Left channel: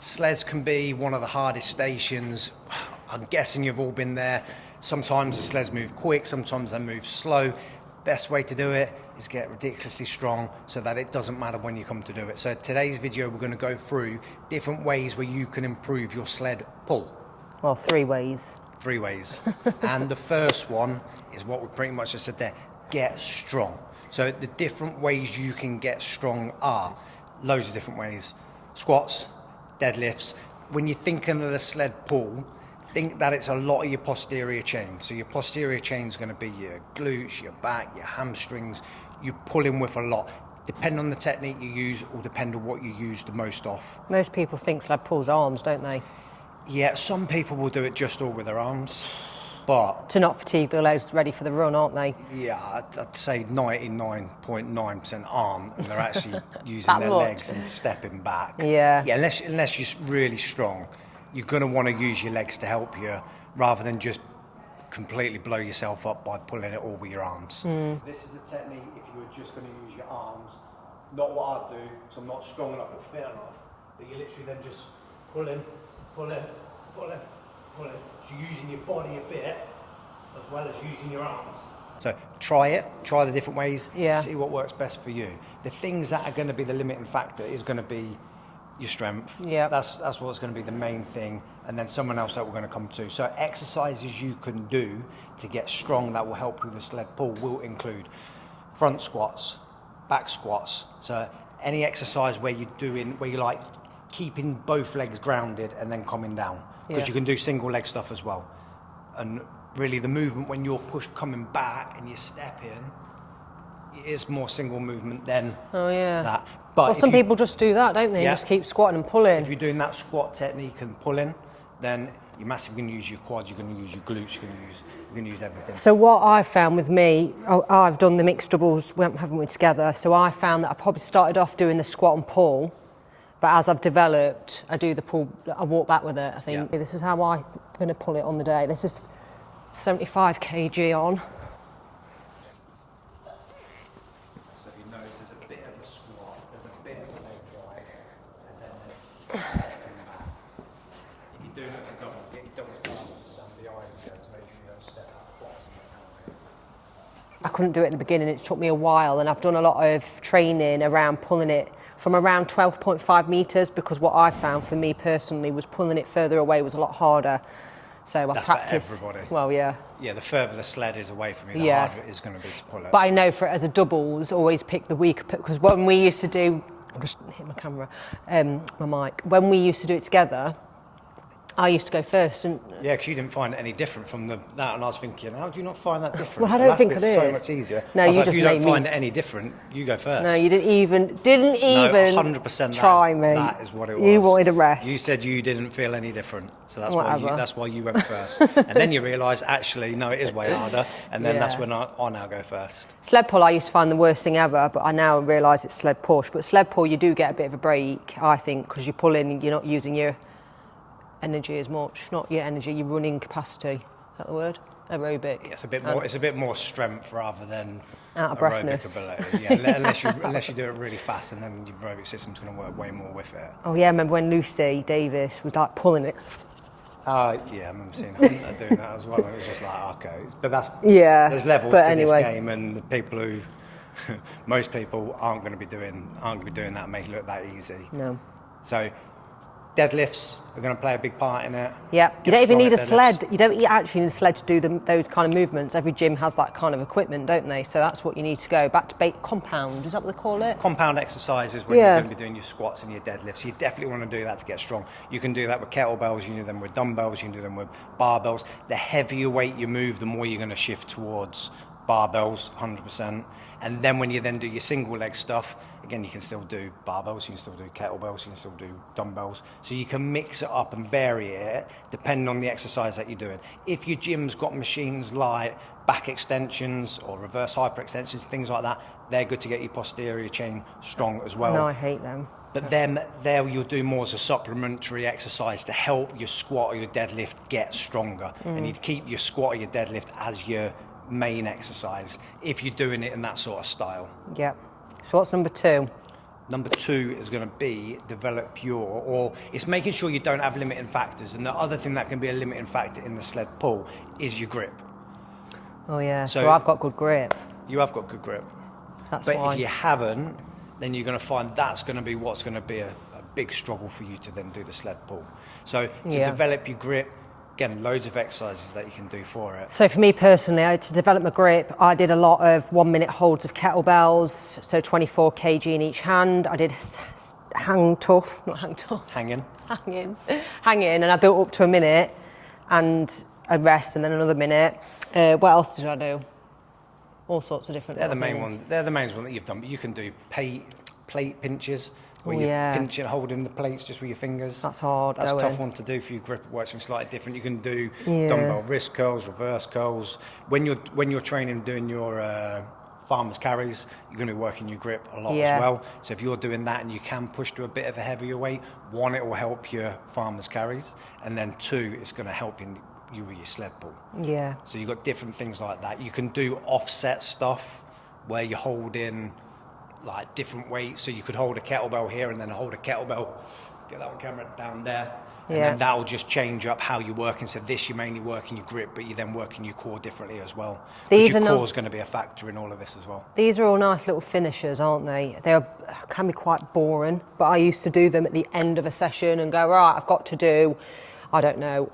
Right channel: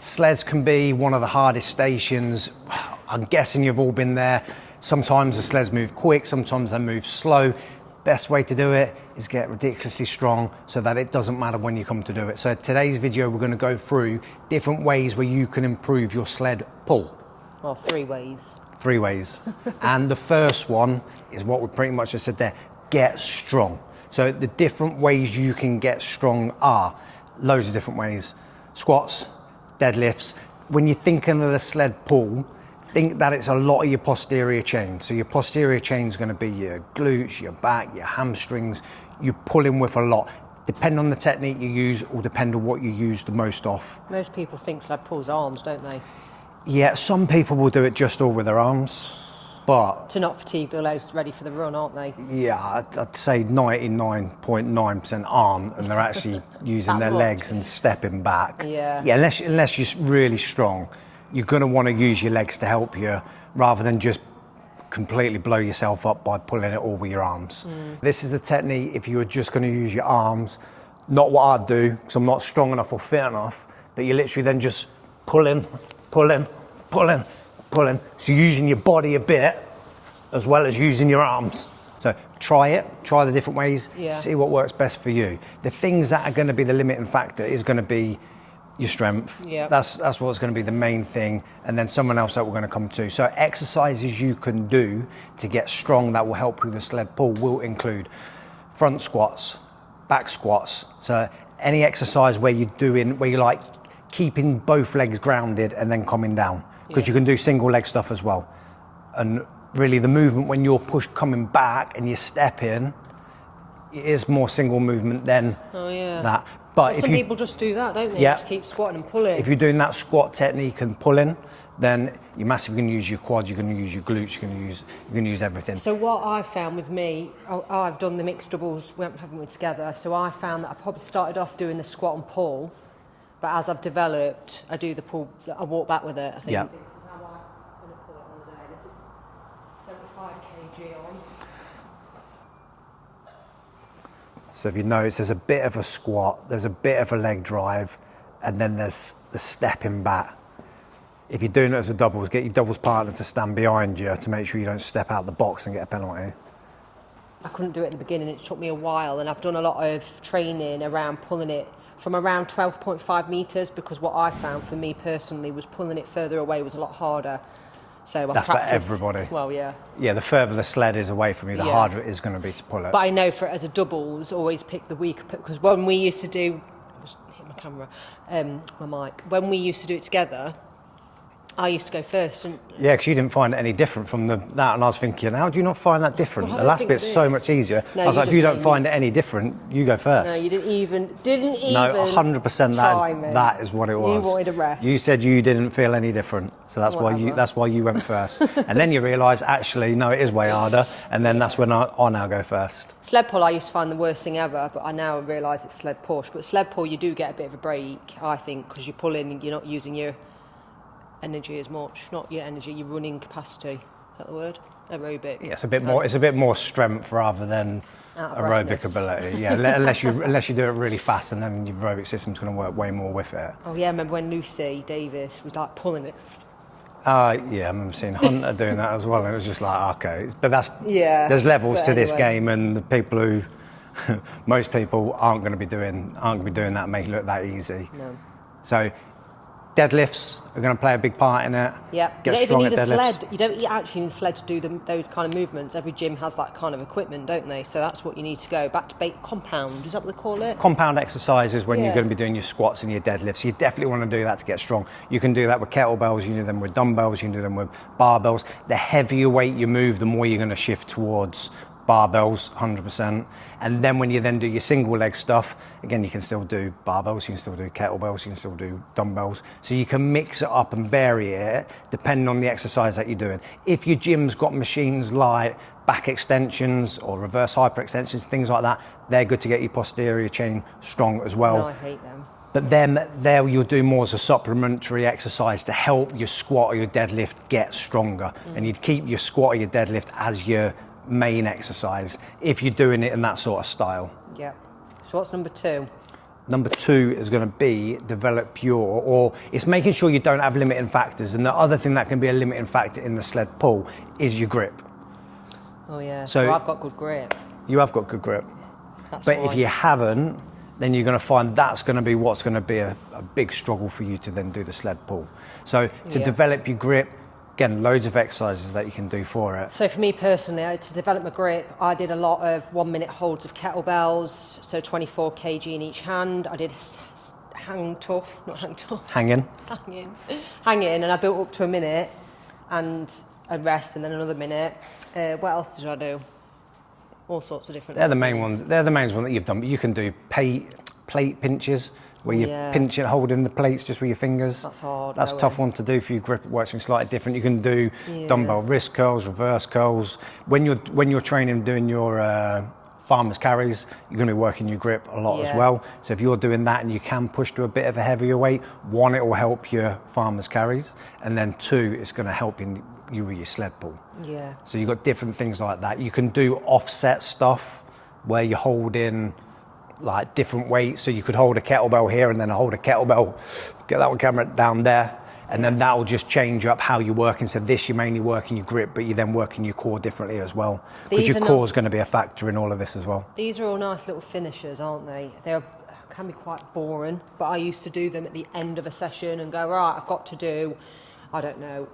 sleds can be one of the hardest stations. I'm guessing you've all been there. Sometimes the sleds move quick, sometimes they move slow. Best way to do it is get ridiculously strong so that it doesn't matter when you come to do it. So today's video, we're going to go through different ways where you can improve your sled pull. Well, 3 ways. 3 ways. And the first one is what we pretty much just said there, get strong. So the different ways you can get strong are loads of different ways. Squats, deadlifts. When you're thinking of the sled pull, think that it's a lot of your posterior chain. So your posterior chain is going to be your glutes, your back, your hamstrings. You're pulling with a lot. Depending on the technique you use, or depend on what you use the most of. Most people think sled pulls arms, don't they? Yeah, some people will do it just all with their arms, but... To not fatigue their legs ready for the run, aren't they? Yeah, I'd say 99.9% arm, and they're actually using their legs and stepping back. Yeah. Yeah, unless you're really strong, you're going to want to use your legs to help you, rather than just completely blow yourself up by pulling it all with your arms. This is the technique if you were just going to use your arms, not what I'd do, because I'm not strong enough or fit enough, but you're literally then just pulling. So you're using your body a bit, as well as using your arms. So try the different ways, see what works best for you. The things that are going to be the limiting factor is going to be your strength. Yeah. That's what's going to be the main thing, and then someone else that we're going to come to. So exercises you can do to get strong that will help with the sled pull will include front squats, back squats. So any exercise where you're like keeping both legs grounded and then coming down, because you can do single leg stuff as well. And really the movement when you're coming back and you're stepping, it is more single movement than that. But some people just do that, don't they? Just keep squatting and pulling. If you're doing that squat technique and pulling, then you're massively going to use your quads, you're going to use your glutes, you're going to use everything. So what I found with me, I've done the mixed doubles, haven't we, together? So I found that I probably started off doing the squat and pull, but as I've developed, I do the pull, I walk back with it, I think. Yeah. This is how I'm going to pull it on the day. This is 75 kg on. So if you notice, there's a bit of a squat, there's a bit of a leg drive, and then there's the stepping back. If you're doing it as a doubles, get your doubles partner to stand behind you to make sure you don't step out the box and get a penalty. I couldn't do it at the beginning, it took me a while, and I've done a lot of training around pulling it from around 12.5 metres, because what I found for me personally was pulling it further away was a lot harder. So that's for everybody. Well, yeah. Yeah, the further the sled is away from you, the harder it is going to be to pull it. But I know as a doubles, always pick the weaker, because when we used to do, I'll just hit my camera, my mic. When we used to do it together, I used to go first. Yeah, because you didn't find it any different from that, and I was thinking, how do you not find that different? Well, the last bit's so much easier. No, I was you like, just you don't find it any different, you go first. No, you didn't even No, 100% try me. That is what it was. You wanted a rest. You said you didn't feel any different, so that's why you went first. And then you realise, actually, no, it is way harder, and then that's when I now go first. Sled pull I used to find the worst thing ever, but I now realise it's sled push. But sled pull, you do get a bit of a break, I think, because you're pulling, you're not using your energy as much, not your energy, your running capacity. Is that the word? Aerobic. Yeah, it's a bit more strength rather than aerobic ability. Yeah, unless you do it really fast, and then your aerobic system's going to work way more with it. Oh yeah, I remember when Lucy Davis was like pulling it. Yeah, I remember seeing Hunter doing that as well, and it was just like, okay, but there's levels to this game, and the people who most people aren't going to be doing that and make it look that easy. No. So deadlifts are going to play a big part in it. Yeah, you don't even need a sled. You don't actually need a sled to do those kind of movements. Every gym has that kind of equipment, don't they? So that's what you need to go. Back to compound, is that what they call it? Compound exercises when you're going to be doing your squats and your deadlifts. You definitely want to do that to get strong. You can do that with kettlebells, you can do them with dumbbells, you can do them with barbells. The heavier weight you move, the more you're going to shift towards barbells, 100%. And then when you then do your single leg stuff, again, you can still do barbells, you can still do kettlebells, you can still do dumbbells. So you can mix it up and vary it depending on the exercise that you're doing. If your gym's got machines like back extensions or reverse hyperextensions, things like that, they're good to get your posterior chain strong as well. No, I hate them. But then there you'll do more as a supplementary exercise to help your squat or your deadlift get stronger. And you'd keep your squat or your deadlift as your main exercise if you're doing it in that sort of style. Yeah. So what's number 2? Number 2 is going to be develop or it's making sure you don't have limiting factors. And the other thing that can be a limiting factor in the sled pull is your grip. Oh yeah, so I've got good grip. You have got good grip. That's but why. if you haven't, then you're going to find that's going to be what's going to be a big struggle for you to then do the sled pull. So to develop your grip, again, loads of exercises that you can do for it. So for me personally, to develop my grip, I did a lot of 1 minute holds of kettlebells, so 24 kg in each hand. I did hang in, and I built up to a minute and a rest and then another minute. What else did I do? All sorts of different. They're the main ones. They're the main ones that you've done. But you can do plate pinches, where you pinch it, holding the plates just with your fingers. That's hard. That's a tough one to do for your grip. It works slightly different. You can do dumbbell wrist curls, reverse curls. When you're training, doing your farmer's carries, you're going to be working your grip a lot as well. So if you're doing that and you can push to a bit of a heavier weight, 1, it will help your farmer's carries, and then 2, it's going to help you with your sled pull. Yeah. So you've got different things like that. You can do offset stuff where you hold in like different weights. So you could hold a kettlebell here and then hold a kettlebell, get that one camera down there, and then that will just change up how you work. Instead of this, you're mainly working your grip, but you're then working your core differently as well. Because your core is going to be a factor in all of this as well. These are all nice little finishers, aren't they? They can be quite boring, but I used to do them at the end of a session and go, right, I've got to do, I don't know,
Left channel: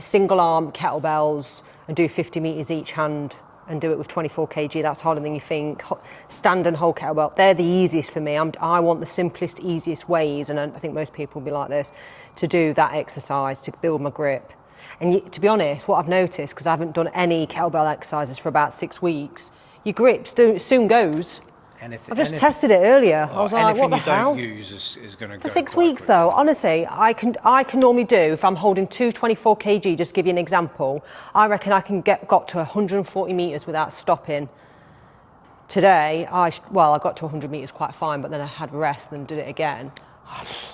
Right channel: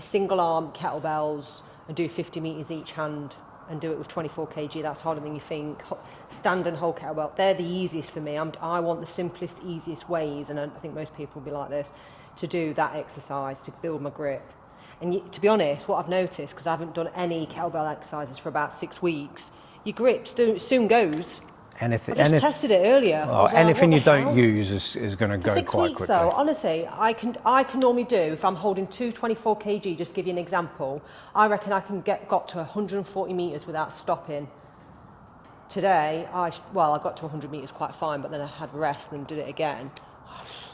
single arm kettlebells and do 50 meters each hand and do it with 24 kg. That's harder than you think. Stand and hold kettlebell. They're the easiest for me. I want the simplest, easiest ways, and I think most people will be like this, to do that exercise, to build my grip. And to be honest, what I've noticed, because I haven't done any kettlebell exercises for about 6 weeks, your grip soon goes. I just tested it earlier. I was like, anything what you don't use is going to go for 6 quite weeks quickly. though, honestly, I can normally do, if I'm holding 24 kg, just give you an example, I reckon I can got to 140 metres without stopping. Today, I got to 100 metres quite fine, but then I had a rest and did it again.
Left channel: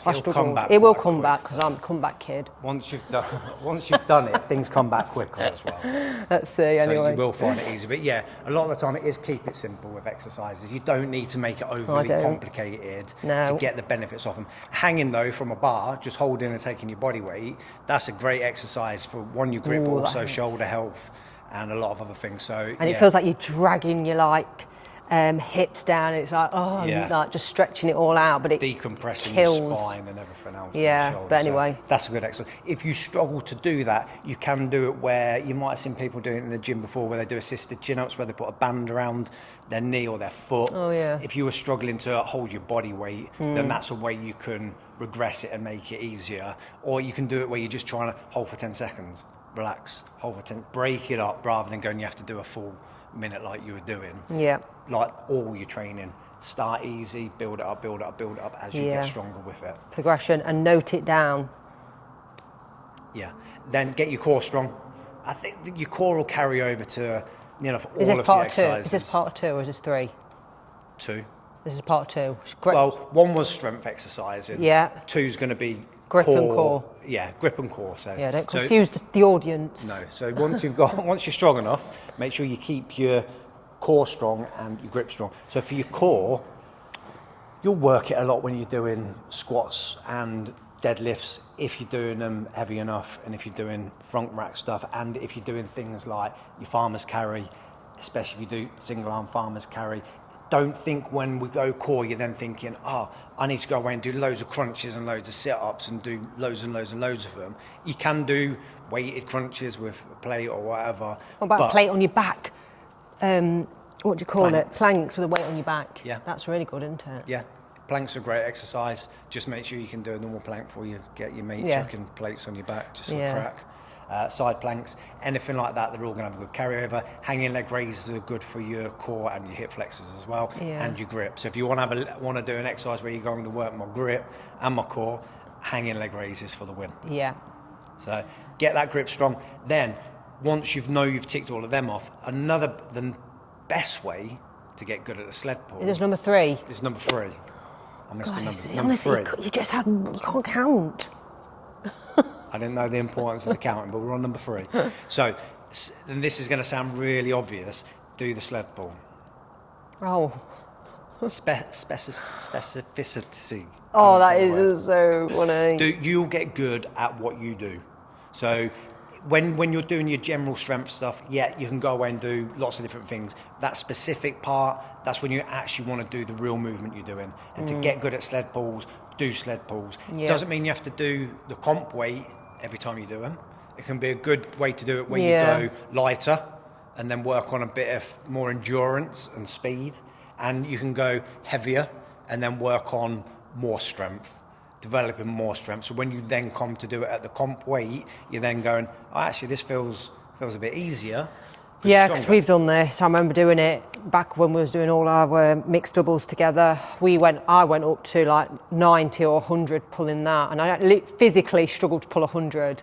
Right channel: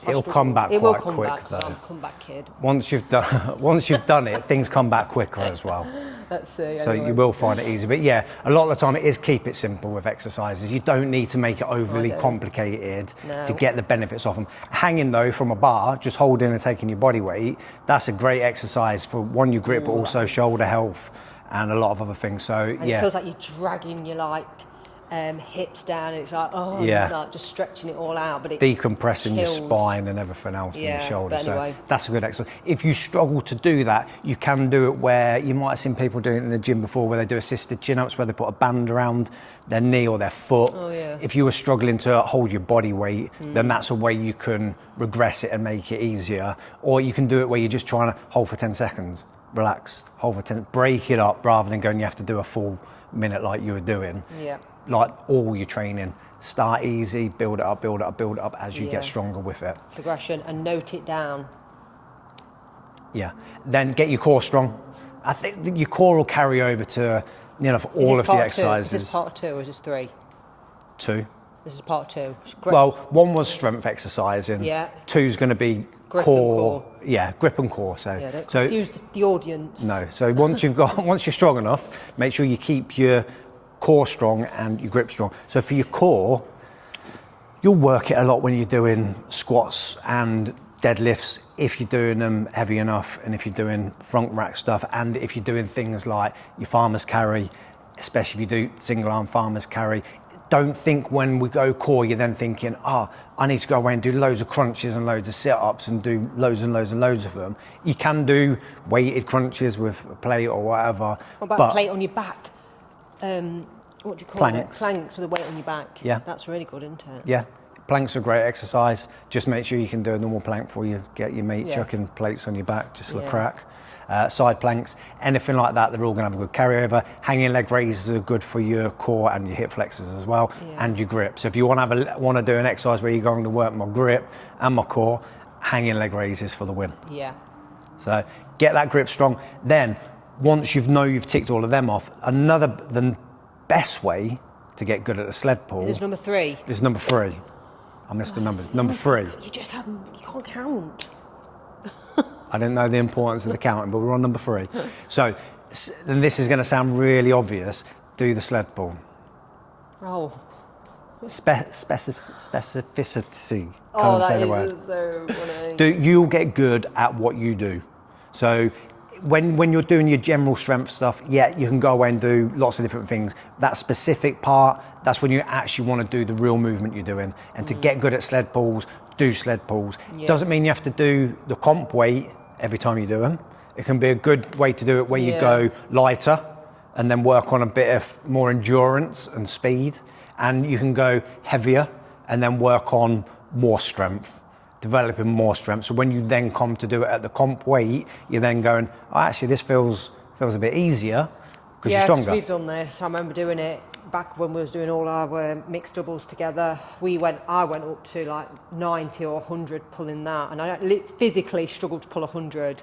It'll come back. It will come back because I'm a comeback kid. Once you've done it, things come back quicker as well. Let's see. Anyway. So you will find it easy. But yeah, a lot of the time it is keep it simple with exercises. You don't need to make it overly complicated to get the benefits of them. Hanging though from a bar, just holding and taking your body weight, that's a great exercise for your grip, but also shoulder health and a lot of other things. So it feels like you're dragging your hips down. It's like like just stretching it all out, but it decompressing your spine and everything else in the shoulders. But anyway, so that's a good exercise. If you struggle to do that, you can do it where you might have seen people doing it in the gym before, where they do assisted chin-ups, where they put a band around their knee or their foot. Oh yeah. If you were struggling to hold your body weight, then that's a way you can regress it and make it easier. Or you can do it where you're just trying to hold for 10 seconds, relax, hold for 10, break it up rather than going you have to do a full minute like you were doing. Yeah. Like all your training, start easy, build it up as you get stronger with it. Progression, and note it down. Yeah. Then get your core strong. I think that your core will carry over to for all of the exercises. Is this part 2 or is this 3? 2. This is part 2. Well, 1 was strength exercising. Yeah. 2's going to be grip and core. Yeah, grip and core. So yeah, don't confuse the audience. No. So once you're strong enough, make sure you keep your core strong and your grip strong. So for your core, you'll work it a lot when you're doing squats and deadlifts, if you're doing them heavy enough, and if you're doing front rack stuff, and if you're doing things like your farmer's carry, especially if you do single arm farmer's carry. Don't think when we go core, you're then thinking, I need to go away and do loads of crunches and loads of sit-ups and do loads and loads and loads of them. You can do weighted crunches with a plate or whatever. What about a plate on your back? What do you call it? Planks with a weight on your back. Yeah. That's really good, isn't it? Yeah. Planks are a great exercise. Just make sure you can do a normal plank before you get your meat, chucking plates on your back just for a crack. Side planks, anything like that, they're all going to have a good carryover. Hanging leg raises are good for your core and your hip flexors as well, and your grip. So if you want to do an exercise where you're going to work my grip and my core, hanging leg raises for the win. Yeah. So get that grip strong. Then once you've ticked all of them off, the best way to get good at the sled pull. Is this number 3? This is number 3. I missed the number 3. You can't count. I didn't know the importance of the counting, but we're on number 3. So, and this is going to sound really obvious, do the sled pull. Oh. specificity. Oh, that is so funny. You'll get good at what you do. So when you're doing your general strength stuff, yeah, you can go away and do lots of different things. That specific part, that's when you actually want to do the real movement you're doing. And to get good at sled pulls, do sled pulls. Yeah. Doesn't mean you have to do the comp weight every time you do them. It can be a good way to do it where you go lighter and then work on a bit of more endurance and speed. And you can go heavier and then work on more strength, developing more strength. So when you then come to do it at the comp weight, you're then going, oh, actually this feels a bit easier. Yeah, because we've done this. I remember doing it back when we was doing all our mixed doubles together. I went up to like 90 or 100 pulling that, and I physically struggled to pull 100.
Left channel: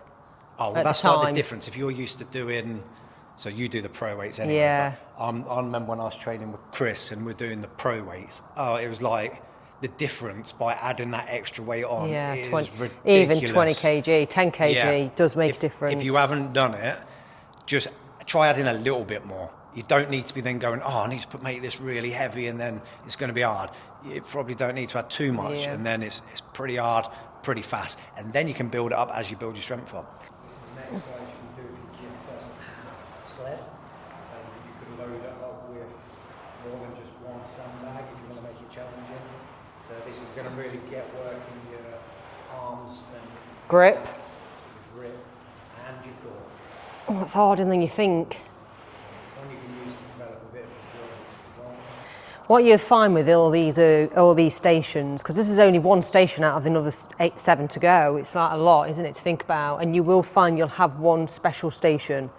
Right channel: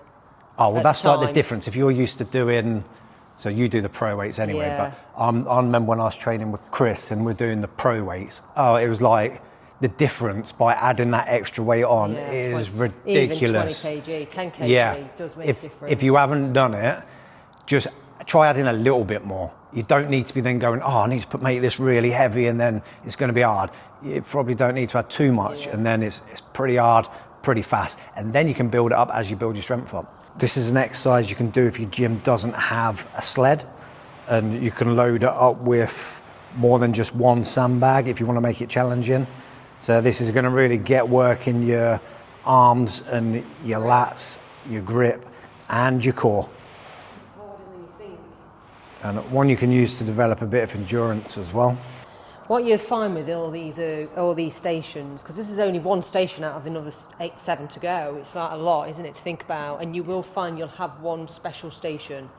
Oh, well, that's like the difference. If you're used to doing, so you do the pro weights anyway, but I remember when I was training with Chris and we're doing the pro weights, oh, it was like the difference by adding that extra weight on is ridiculous. Even 20 kg, 10 kg does make a difference. If you haven't done it, just try adding a little bit more. You don't need to be then going, oh, I need to make this really heavy and then it's going to be hard. You probably don't need to add too much and then it's pretty hard, pretty fast. And then you can build it up as you build your strength up. This is an exercise you can do if your gym doesn't have a sled, and you can load it up with more than just one sandbag if you want to make it challenging. So this is going to really get work in your arms and your lats, your grip and your core. Oh, that's harder than you think. And one you can use to develop a bit of endurance as well. What you find with all these stations, because this is only one station out of another 7 to go, it's like a lot, isn't it, to think about? And you will find you'll have one special station.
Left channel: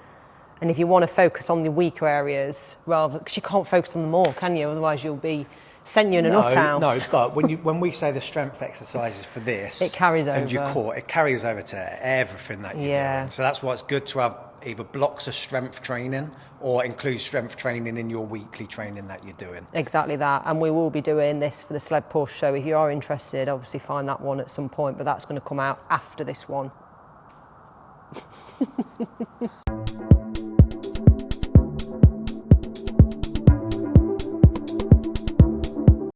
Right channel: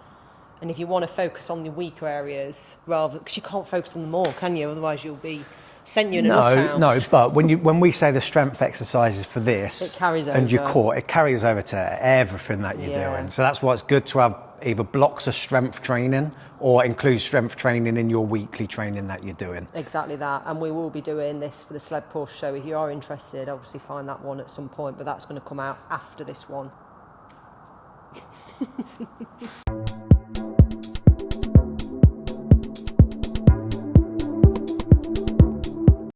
And if you want to focus on the weaker areas, rather, because you can't focus on them all, can you? Otherwise you'll be sent you in a nut house. No, but when we say the strength exercises for this, it carries over. And your core, it carries over to everything that you're doing. So that's why it's good to have either blocks of strength training or include strength training in your weekly training that you're doing. Exactly that, and we will be doing this for the sled push, so if you are interested, obviously find that one at some point, but that's going to come out after this one.